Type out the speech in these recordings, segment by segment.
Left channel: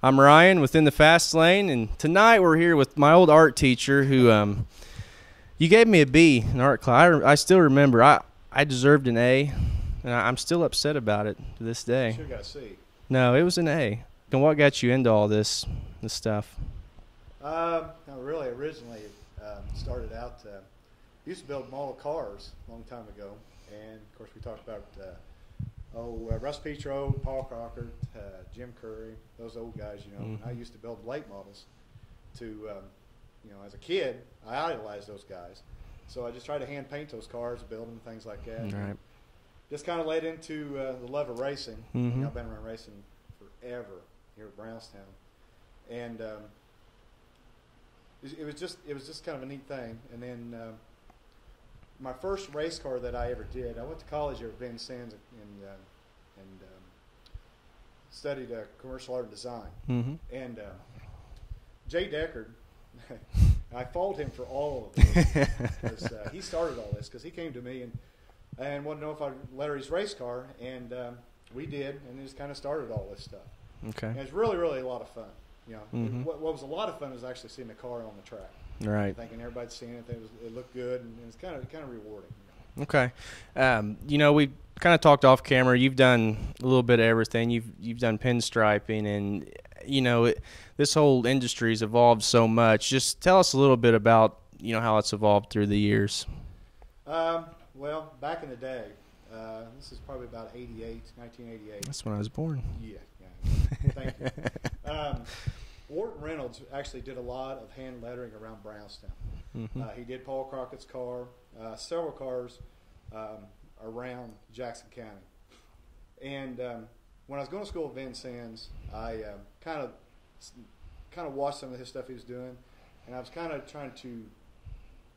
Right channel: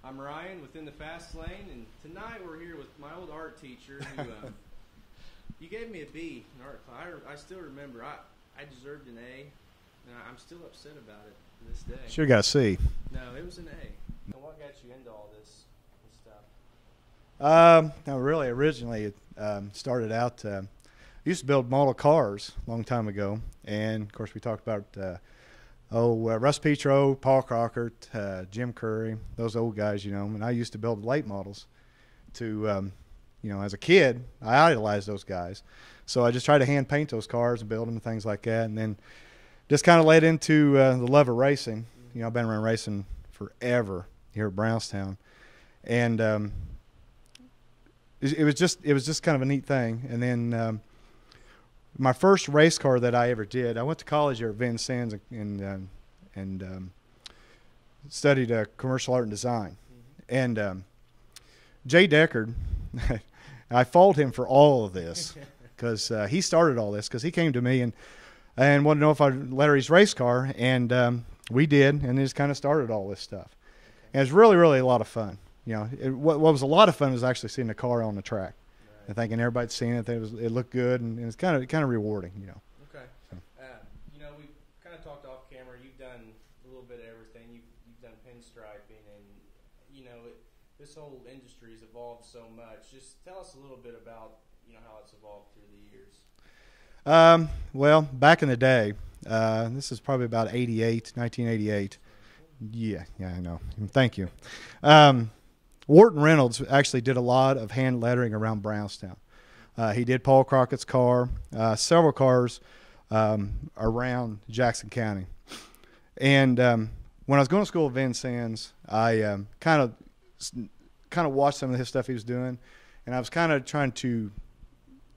I'm Ryan within the Fast Lane, and tonight we're here with my old art teacher who you gave me a B in art class. I still remember. I deserved an A, and I'm still upset about it to this day. Sure got a C. No, it was an A. And what got you into all this stuff? No, really, originally it started out, I used to build model cars a long time ago. And, of course, we talked about, Russ Petro, Paul Crockett, Jim Curry, those old guys, you know. Mm-hmm. And I used to build late models to, as a kid, I idolized those guys. So I just tried to hand paint those cars and build them and things like that. Mm-hmm. And just kind of led into the love of racing. Mm-hmm. You know, I've been around racing forever here at Brownstown. And it was just kind of a neat thing. And then my first race car that I ever did, I went to college here at Vincennes and studied commercial art and design. Mm-hmm. And Jay Deckard, I fault him for all of this because he started all this because he came to me and wanted to know if I'd let her his race car, and we did, and it just kind of started all this stuff. Okay. And it's really, really a lot of fun. You know, Mm-hmm. what was a lot of fun was actually seeing the car on the track. Right. I think, and everybody's seen it. It looked good, and it's kind of rewarding. You know. Okay. We kind of talked off camera. You've done a little bit of everything. You've done pinstriping, and this whole industry's evolved so much. Just tell us a little bit about how it's evolved through the years. Well, back in the day, this is probably about 1988. That's when I was born. Yeah, I know. Thank you. Wharton Reynolds actually did a lot of hand lettering around Brownstown. Mm-hmm. He did Paul Crockett's car, several cars around Jackson County. And when I was going to school at Vincennes, I kind of watched some of his stuff he was doing, and I was kind of trying to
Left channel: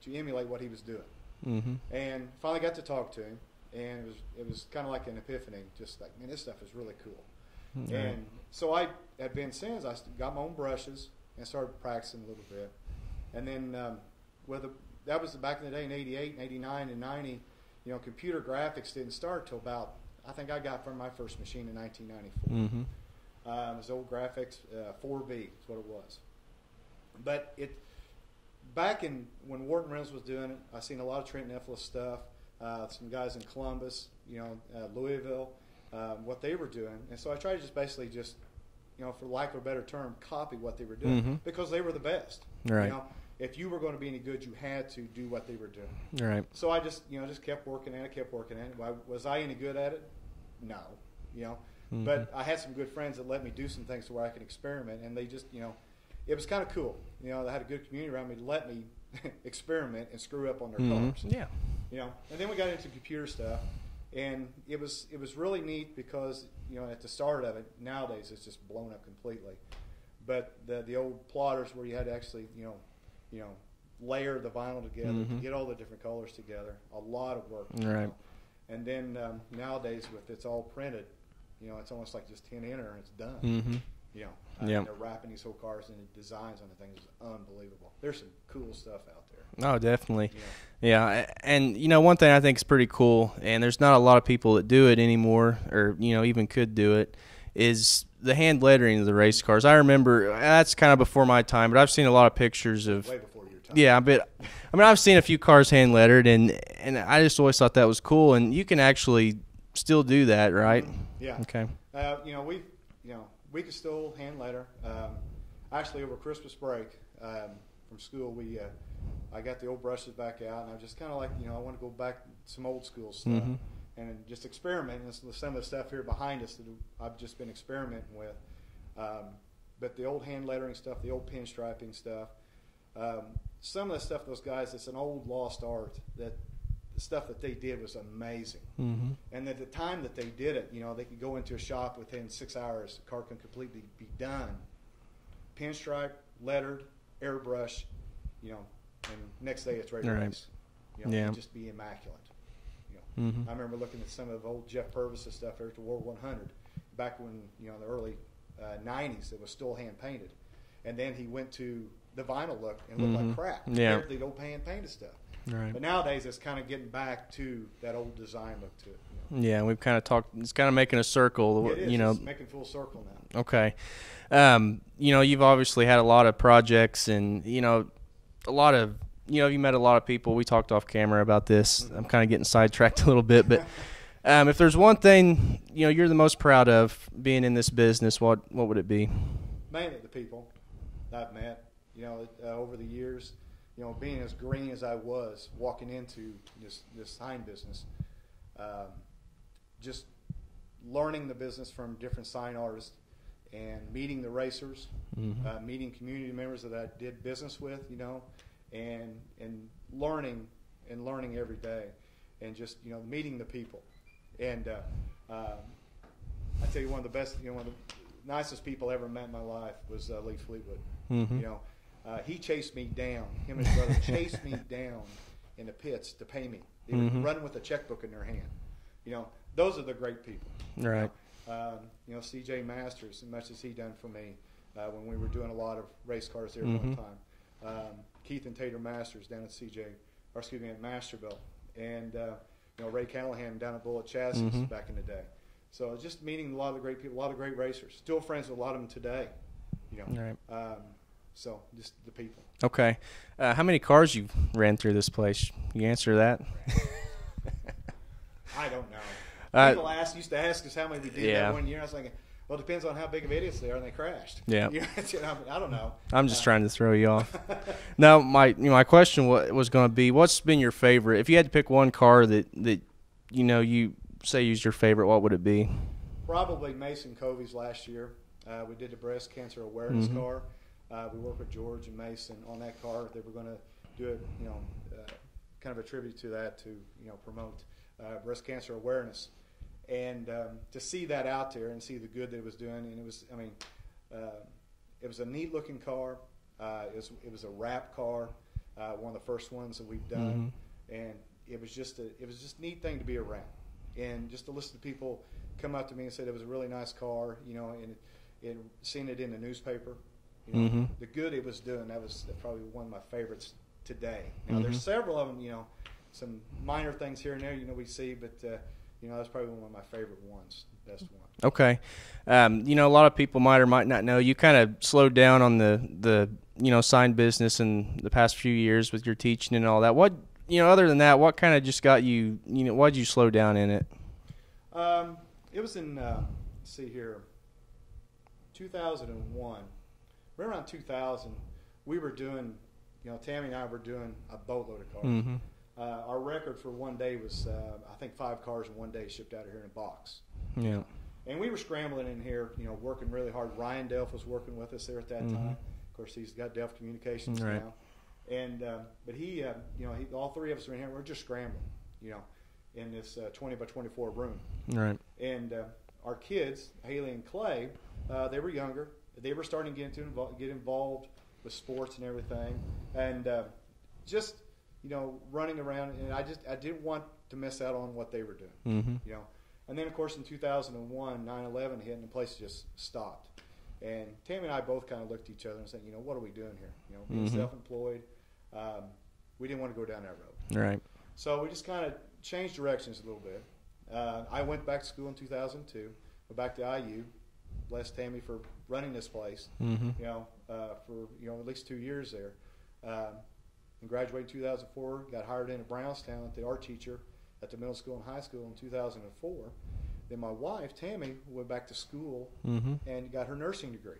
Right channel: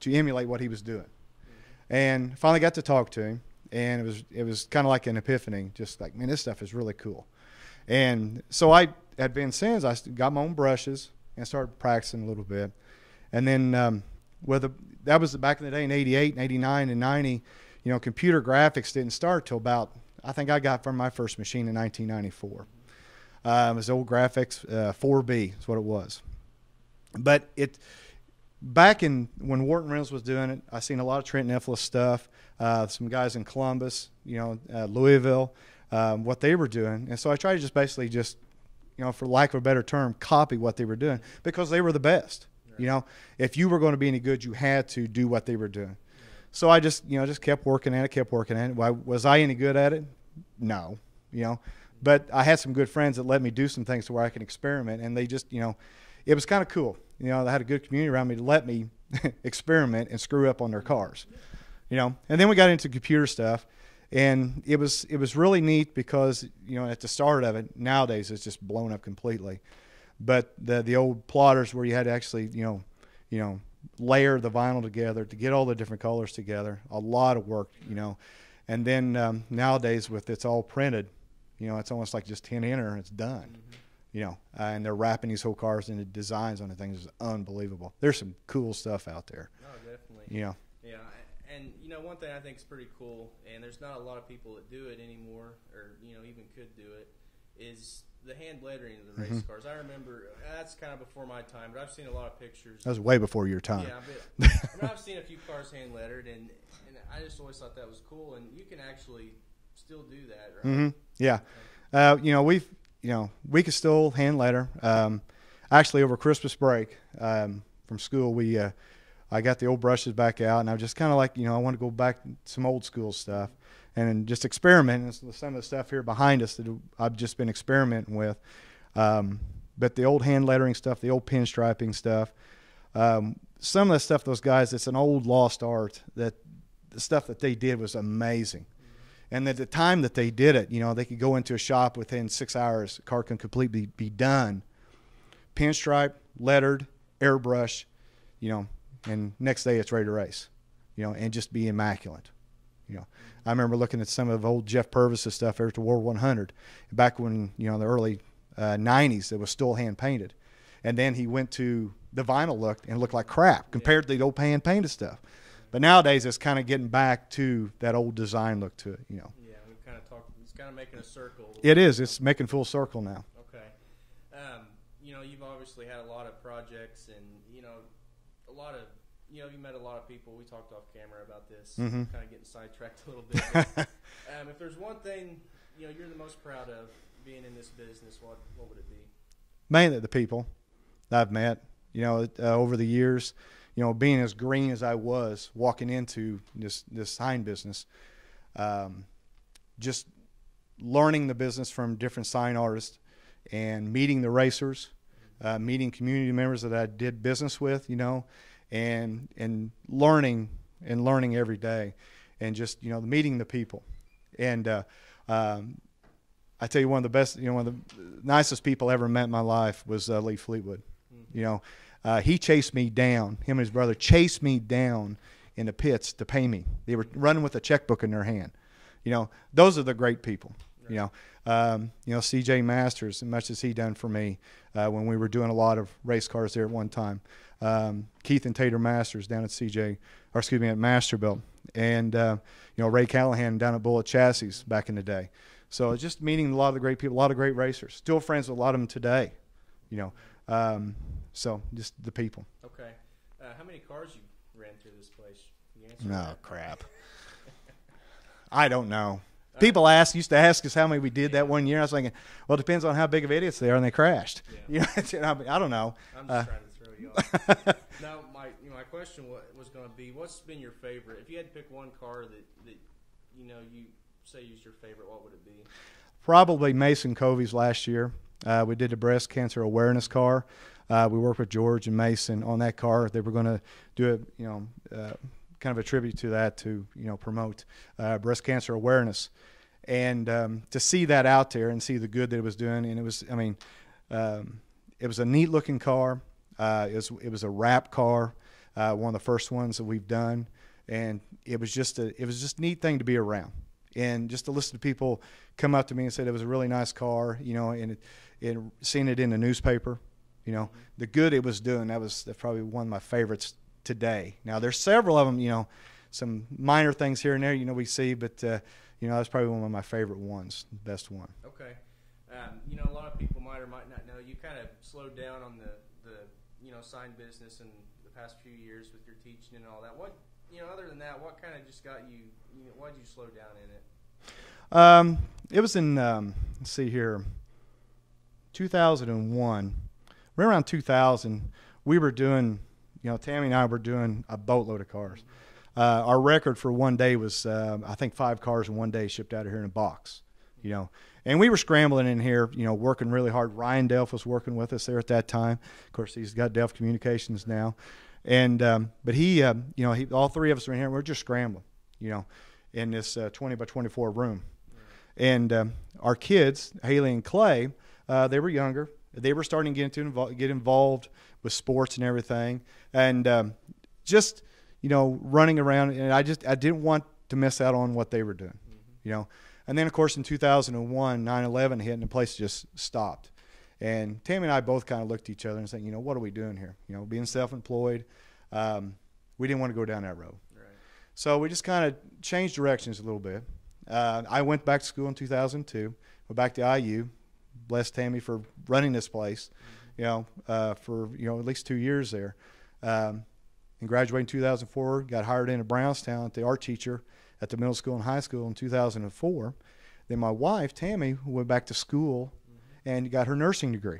emulate what he was doing. Mm-hmm. And finally got to talk to him, and it was kind of like an epiphany, just like, man, this stuff is really cool. Mm-hmm. And so at Vincennes, I got my own brushes and started practicing a little bit. And then that was back in the day in 88, 89, and 90, computer graphics didn't start till about, I think I got from my first machine in 1994. Mm-hmm. It was old graphics, 4B is what it was. But back in when Wharton Reynolds was doing it, I seen a lot of Trent Nicholas stuff, some guys in Columbus, Louisville, what they were doing. And so I tried to just for lack of a better term, copy what they were doing, mm-hmm. because they were the best. Right. If you were going to be any good, you had to do what they were doing. Right. So I just kept working at it, Was I any good at it? No, mm-hmm. But I had some good friends that let me do some things to where I can experiment, and they just, it was kind of cool. They had a good community around me to let me experiment and screw up on their mm-hmm. cars. Yeah. And then we got into computer stuff. And it was really neat because, at the start of it, nowadays it's just blown up completely. But the old plotters where you had to actually, layer the vinyl together, mm-hmm. to get all the different colors together, a lot of work, right. And then nowadays with it's all printed, it's almost like just 10 enter and it's done. Mm-hmm. And they're wrapping these whole cars into designs on the things is unbelievable. There's some cool stuff out there. Oh, definitely. Yeah. And one thing I think is pretty cool, and there's not a lot of people that do it anymore, or even could do it, is the hand lettering of the race mm-hmm. cars. I remember that's kind of before my time, but I've seen a lot of pictures of way before your time. Yeah, but I've seen a few cars hand lettered, and I just always thought that was cool, and you can actually still do that, right? Mm-hmm. Yeah. Okay. We could still hand letter. Actually, over Christmas break from school, I got the old brushes back out, and I was just kind of like, I want to go back to some old school stuff, mm-hmm. and just experiment. And some of the stuff here behind us that I've just been experimenting with. But the old hand lettering stuff, the old pinstriping stuff, some of the stuff, those guys, it's an old lost art that the stuff that they did was amazing. Mm-hmm. And at the time that they did it, they could go into a shop within 6 hours, the car can completely be done. Pinstripe, lettered, airbrush, and next day it's ready to race, and just be immaculate. Mm-hmm. I remember looking at some of old Jeff Purvis's stuff there at the War 100, back when, the early 90s, it was still hand painted. And then he went to the vinyl look and looked mm-hmm. like crap compared to the old hand painted stuff. Right. But nowadays it's kind of getting back to that old design look to it. Yeah, and we've kind of talked. It's kind of making a circle. It is. It's making full circle now. Okay. You know, you've obviously had a lot of projects, and a lot of you met a lot of people. We talked off camera about this. I'm kind of getting sidetracked a little bit, but if there's one thing you're the most proud of being in this business, what would it be? Mainly the people that I've met. Over the years, being as green as I was walking into this sign business, just learning the business from different sign artists and meeting the racers, meeting community members that I did business with, and learning every day, and just meeting the people. And I tell you, one of the best, one of the nicest people I ever met in my life was Lee Fleetwood. He chased me down. Him and his brother chased me down in the pits to pay me. They were running with a checkbook in their hand. Those are the great people. Right. C.J. Masters, as much as he done for me when we were doing a lot of race cars there at one time. Keith and Tater Masters down at at Masterbuilt, and Ray Callahan down at Bullet Chassis back in the day. So just meeting a lot of the great people, a lot of great racers. Still friends with a lot of them today. Right. So just the people. Okay. How many cars you ran through this place? You answer that? Crap. I don't know. People used to ask us how many we did that one year. I was thinking, well, it depends on how big of idiots they are, and they crashed. Yeah. I don't know. I'm just trying to throw you off. Now, my question was going to be, what's been your favorite? If you had to pick one car that you say is your favorite, what would it be? Probably Mason Covey's last year. We did the breast cancer awareness car. We worked with George and Mason on that car. They were going to do kind of a tribute to that to promote breast cancer awareness, and to see that out there and see the good that it was doing. And it was, it was a neat looking car. It was a wrap car, one of the first ones that we've done, and it was just a neat thing to be around, and just to listen to people come up to me and say it was a really nice car, and seeing it in the newspaper. The good it was doing, that's probably one of my favorites today. Now, there's several of them, some minor things here and there, we see, but, that's probably one of my favorite ones, best one. Okay. A lot of people might or might not know, you kind of slowed down on the sign business in the past few years with your teaching and all that. What, other than that, what kind of just got you, why'd you slow down in it? It was in, let's see here, 2001. Right around 2000, we were doing, Tammy and I were doing a boatload of cars. Our record for one day was, I think, 5 cars in one day shipped out of here in a box. And we were scrambling in here, working really hard. Ryan Delph was working with us there at that time. Of course, he's got Delph Communications now. And but he, all three of us were in here. We're just scrambling, in this 20 by 24 room. Right. And our kids, Haley and Clay, they were younger. They were starting to get involved with sports and everything, and just running around. And I didn't want to miss out on what they were doing, And then of course in 2001, 9/11 hit, and the place just stopped. And Tammy and I both kind of looked at each other and said, what are we doing here? Being self-employed, we didn't want to go down that road. Right. So we just kind of changed directions a little bit. I went back to school in 2002. Went back to IU. Blessed Tammy for running this place, for at least 2 years there, and graduated in 2004. Got hired in at Brownstown at the art teacher at the middle school and high school in 2004. Then my wife Tammy went back to school and got her nursing degree.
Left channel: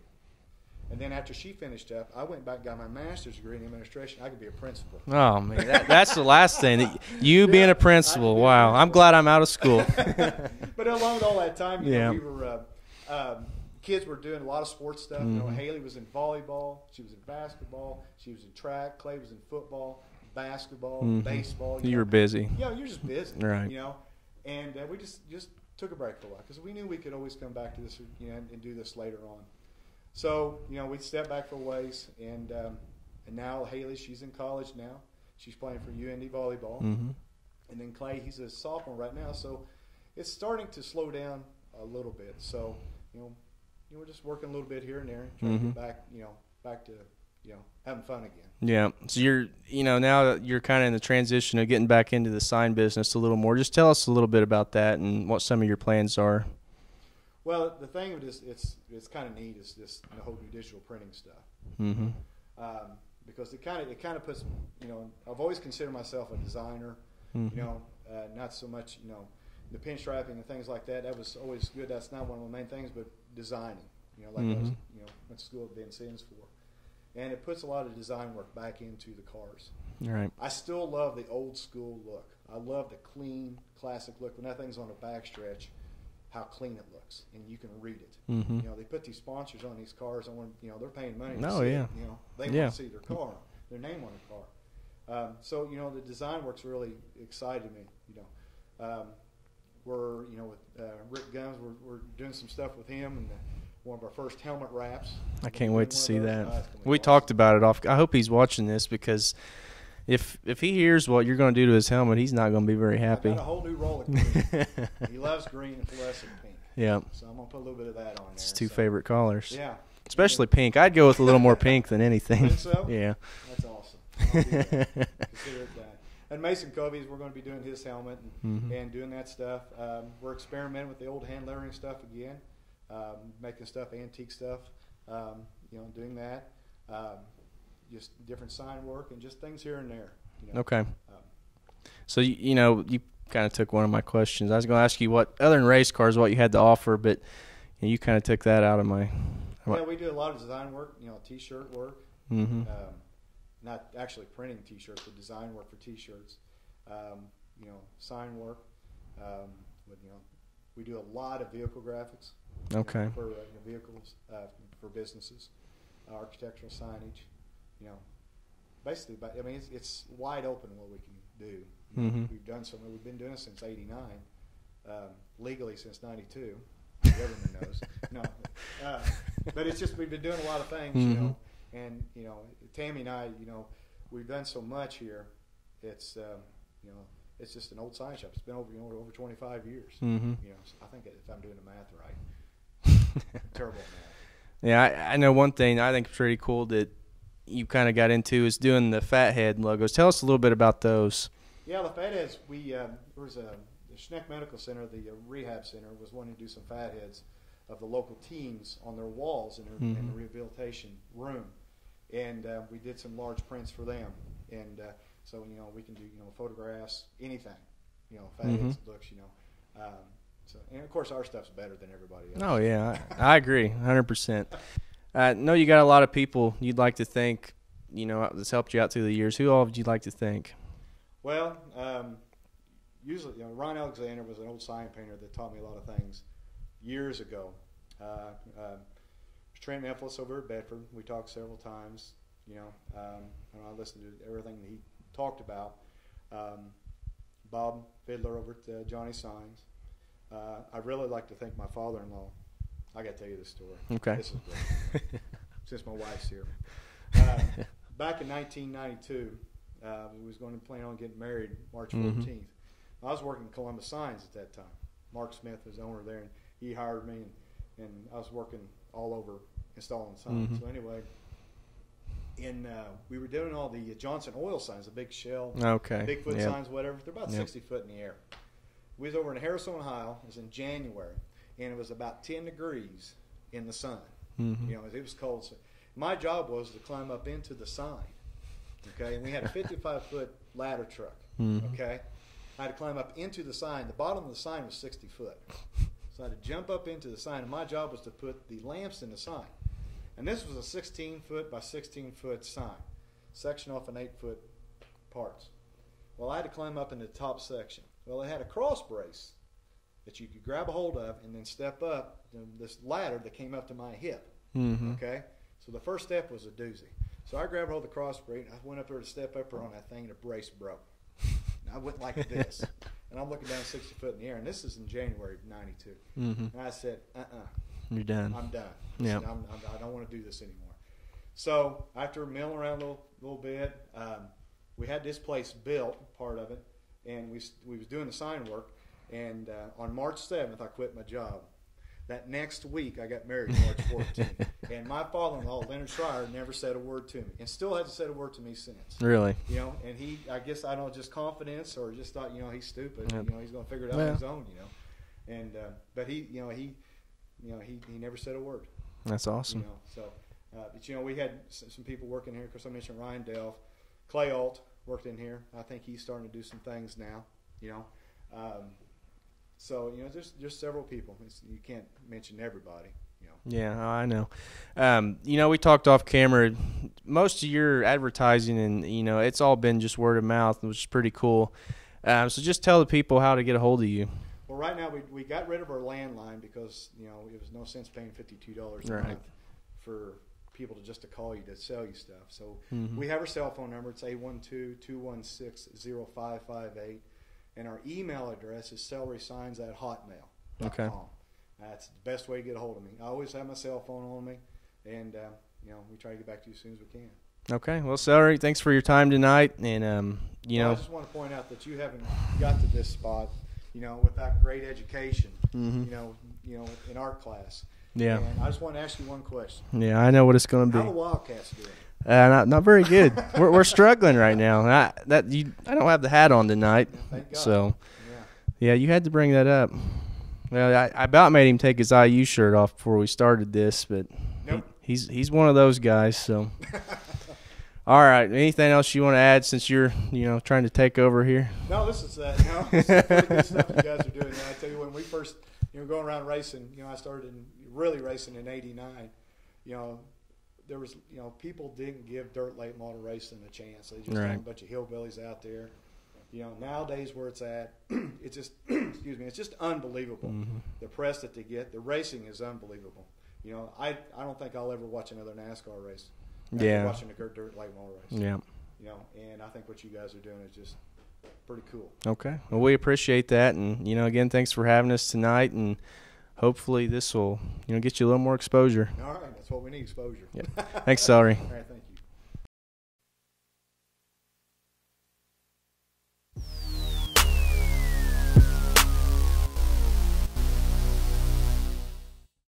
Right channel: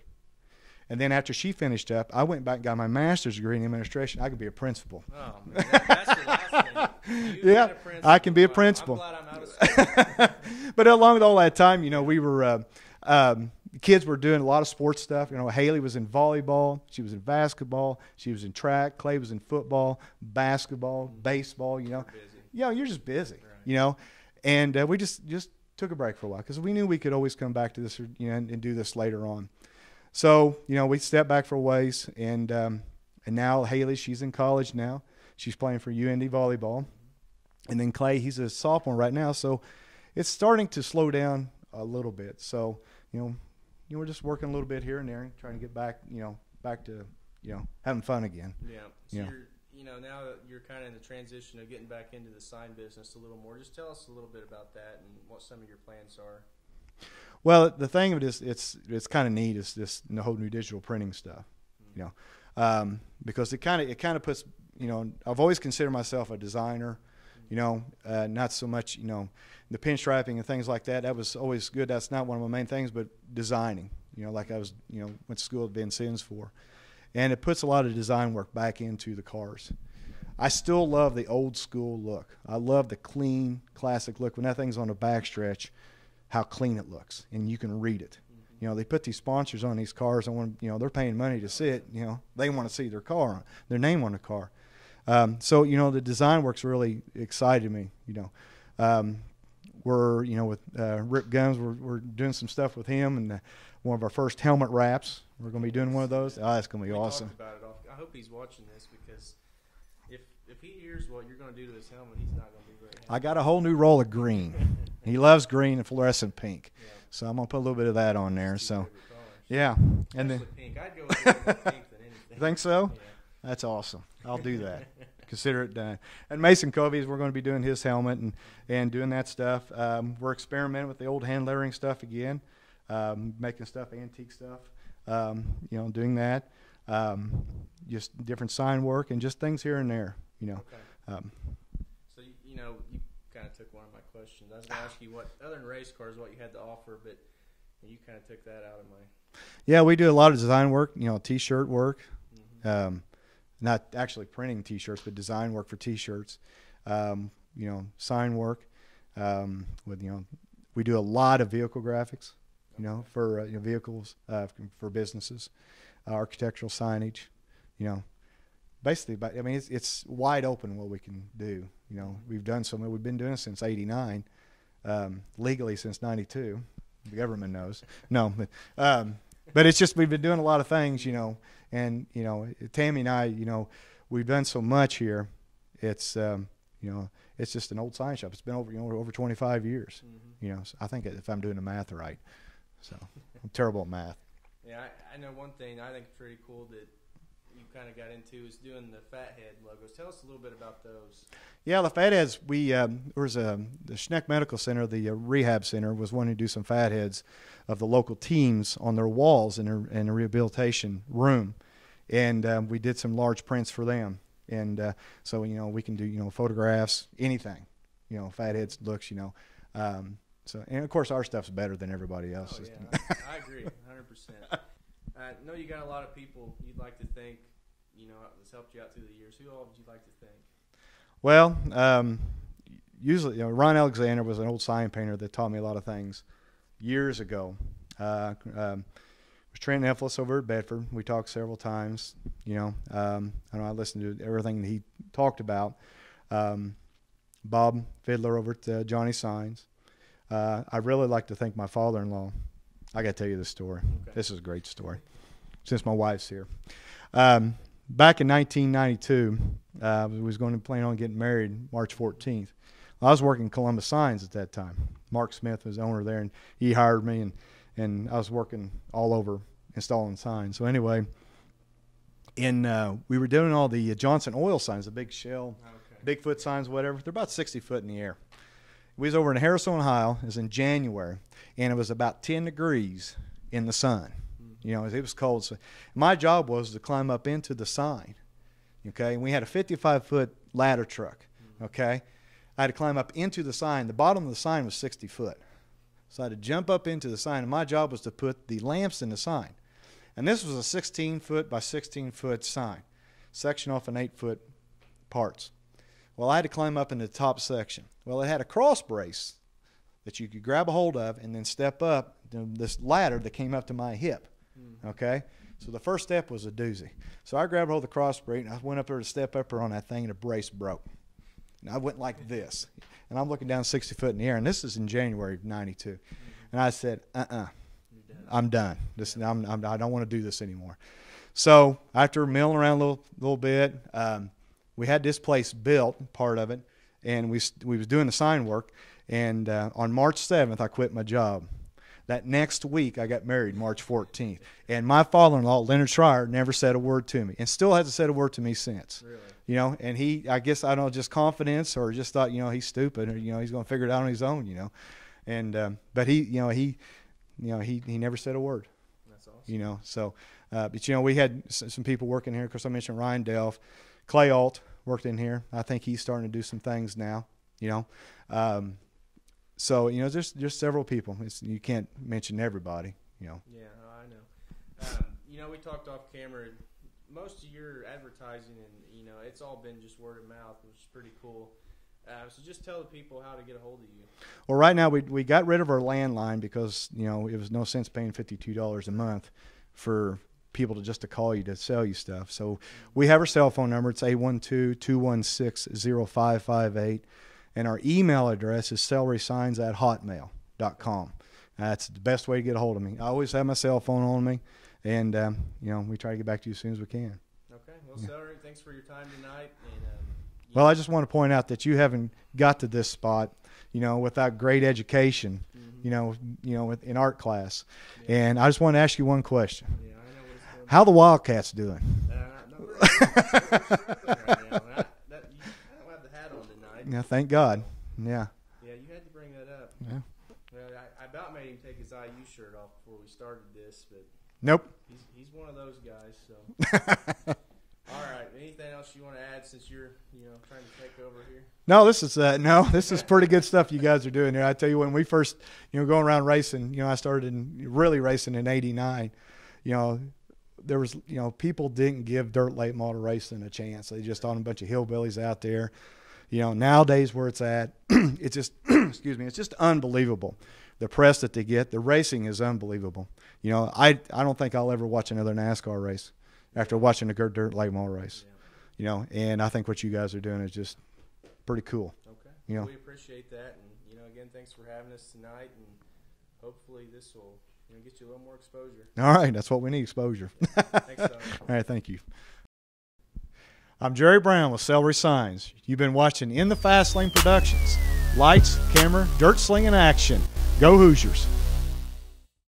And then after she finished up, I went back and got my master's degree in administration. I could be a principal. Oh, man, that's the last thing. You being a principal. I could be a principal. I'm glad I'm out of school. But along with all that time, we were kids were doing a lot of sports stuff. Haley was in volleyball. She was in basketball. She was in track. Clay was in football, basketball, baseball. You were busy. Yeah, you're just busy. Right. And we just took a break for a while because we knew we could always come back to this, and do this later on. So, we stepped back for a ways, and now Haley, she's in college now. She's playing for UND volleyball. And then Clay, he's a sophomore right now. So it's starting to slow down a little bit. So, we're just working a little bit here and there, trying to get back to, having fun again. Yeah. So you're, now that you're kind of in the transition of getting back into the sign business a little more. Just tell us a little bit about that and what some of your plans are. Well, the thing of it is, it's kind of neat. Is this the whole new digital printing stuff, Mm-hmm. you know, because it kind of puts, you know, I've always considered myself a designer, Mm-hmm. you know, not so much, you know, the pinstriping and things like that. That was always good. That's not one of my main things, but designing, you know, like I was, you know, went to school at Ben Sims for, and it puts a lot of design work back into the cars. Right. I still love the old school look. I love the clean, classic look. When that thing's on the backstretch, how clean it looks, and you can read it. Mm-hmm. You know, they put these sponsors on these cars, and when, you know, they're paying money to see it. You know, they want to see their car, their name on the car. So, you know, the design work's really excited me. You know, we're, you know, with Rip Guns, we're doing some stuff with him, and one of our first helmet wraps. I can't wait to see that. Oh, that's gonna be we awesome. talked about it off. I hope he's watching this, because if he hears what you're going to do to his helmet, he's not going to be very happy. I got a whole new roll of green. He loves green and fluorescent pink. Yeah. So I'm gonna put a little bit of that on there. His two so. favorite colors. Yeah. Especially pink. I'd go with a little more pink than anything. Think so? Yeah. That's awesome. I'll do that. Consider it done. And Mason Covey's, we're going to be doing his helmet and doing that stuff. We're experimenting with the old hand lettering stuff again, making stuff, antique stuff. You know, doing that. Just different sign work and just things here and there. You know. Okay. So, you know, you kind of took one of my questions. I was going to ask you what, other than race cars, what you had to offer, but you kind of took that out of my. Yeah, we do a lot of design work, you know, T-shirt work. Mm-hmm. Not actually printing T-shirts, but design work for T-shirts. You know, sign work. With, you know, we do a lot of vehicle graphics. You know, for you know, vehicles, for businesses, architectural signage. You know, basically, but I mean, it's wide open what we can do. You know, we've done so. We've been doing it since '89, legally since '92. The government knows. No, but it's just we've been doing a lot of things. You know, and you know, Tammy and I, you know, we've done so much here. It's you know, it's just an old sign shop. It's been over, you know, over 25 years. You know, so I think if I'm doing the math right. I'm terrible at math. Yeah, I know one thing I think is pretty cool that you kind of got into is doing the Fathead logos. Tell us a little bit about those. Yeah, the Fatheads, there was the Schneck Medical Center, the rehab center, was wanting to do some Fatheads of the local teams on their walls in the rehabilitation room. And we did some large prints for them. And so, you know, we can do, you know, photographs, anything, you know, Fatheads looks, you know. So, and of course, our stuff's better than everybody else. Oh, yeah. I agree, 100%. I know you got a lot of people you'd like to thank, you know, that's helped you out through the years. Who all would you like to thank? Well, usually, you know, Ron Alexander was an old sign painter that taught me a lot of things years ago. Was Trent Eflis over at Bedford. We talked several times. You know, I listened to everything that he talked about. Bob Fiddler over at Johnny Signs. I really like to thank my father-in-law. I got to tell you this story. Okay. This is a great story, since my wife's here. Back in 1992, we was going to plan on getting married March 14th. Well, I was working Columbus Signs at that time. Mark Smith was the owner there, and he hired me, and I was working all over installing signs. So anyway, we were doing all the Johnson oil signs, the big shell, Bigfoot signs, whatever. They're about 60 foot in the air. We was over in Harrison, Ohio. It was in January, and it was about 10 degrees in the sun. You know, it was cold. So my job was to climb up into the sign, okay? And we had a 55-foot ladder truck, okay? I had to climb up into the sign. The bottom of the sign was 60 foot. So I had to jump up into the sign, and my job was to put the lamps in the sign. And this was a 16-foot by 16-foot sign, section off an 8-foot parts. Well, I had to climb up in the top section. Well, it had a cross brace that you could grab a hold of and then step up this ladder that came up to my hip, okay? So the first step was a doozy. So I grabbed hold of the cross brace, and I went up there to step up there on that thing, and the brace broke. And I went like this. And I'm looking down 60 foot in the air, and this is in January of 92. And I said, You're done. I'm done. I don't want to do this anymore. So after milling around a little bit, we had this place built, part of it, and we was doing the sign work. And on March 7th, I quit my job. That next week, I got married March 14th. And my father-in-law, Leonard Schreier, never said a word to me, and still hasn't said a word to me since. Really? You know, and he, I guess, I don't know, just confidence, or just thought, you know, he's stupid. You know, he's going to figure it out on his own, you know. And but he, you know, you know, he never said a word. That's awesome. You know, so, but you know, we had some people working here. Of course, I mentioned Ryan Delph, Clay Alt worked in here. I think he's starting to do some things now. You know, so you know, there's several people. You can't mention everybody. You know. Yeah, I know. You know, we talked off camera. Most of your advertising, and you know, it's all been just word of mouth, which is pretty cool. So just tell the people how to get a hold of you. Well, right now we got rid of our landline because, you know, it was no sense paying $52 a month for people to call you to sell you stuff. So we have our cell phone number. It's 812-216-0558. And our email address is celerysigns@hotmail.com. Okay. That's the best way to get a hold of me. I always have my cell phone on me, and you know, we try to get back to you as soon as we can. Okay. Well, Celery, thanks for your time tonight. And well, I just want to point out that you haven't got to this spot, you know, without great education, you know, in art class. Yeah. And I just want to ask you one question. Yeah, I know what it's going to be. How the Wildcats doing? Not very good. we're struggling right now. I don't have the hat on tonight. Yeah, thank God. So, yeah. Yeah, you had to bring that up. Well, I about made him take his IU shirt off before we started this, but nope. He's one of those guys. So, all right. Anything else you want to add since you're trying to take over here? No, this is pretty good stuff you guys are doing there. I tell you, when we first going around racing, I started really racing in '89. There was people didn't give dirt late model racing a chance. They just found a bunch of hillbillies out there. Nowadays where it's at, it's just excuse me, it's just unbelievable. The press that they get, the racing is unbelievable. I don't think I'll ever watch another NASCAR race after watching a dirt late model race. Yeah. And I think what you guys are doing is just pretty cool. Okay. Well, we appreciate that, and again, thanks for having us tonight, and hopefully this will get you a little more exposure. All right, that's what we need, exposure. Yeah. Thanks, Celery. All right, thank you. I'm Jerry Brown with Celery Signs. You've been watching In the Fast Lane Productions. Lights, camera, dirt slinging action. Go Hoosiers.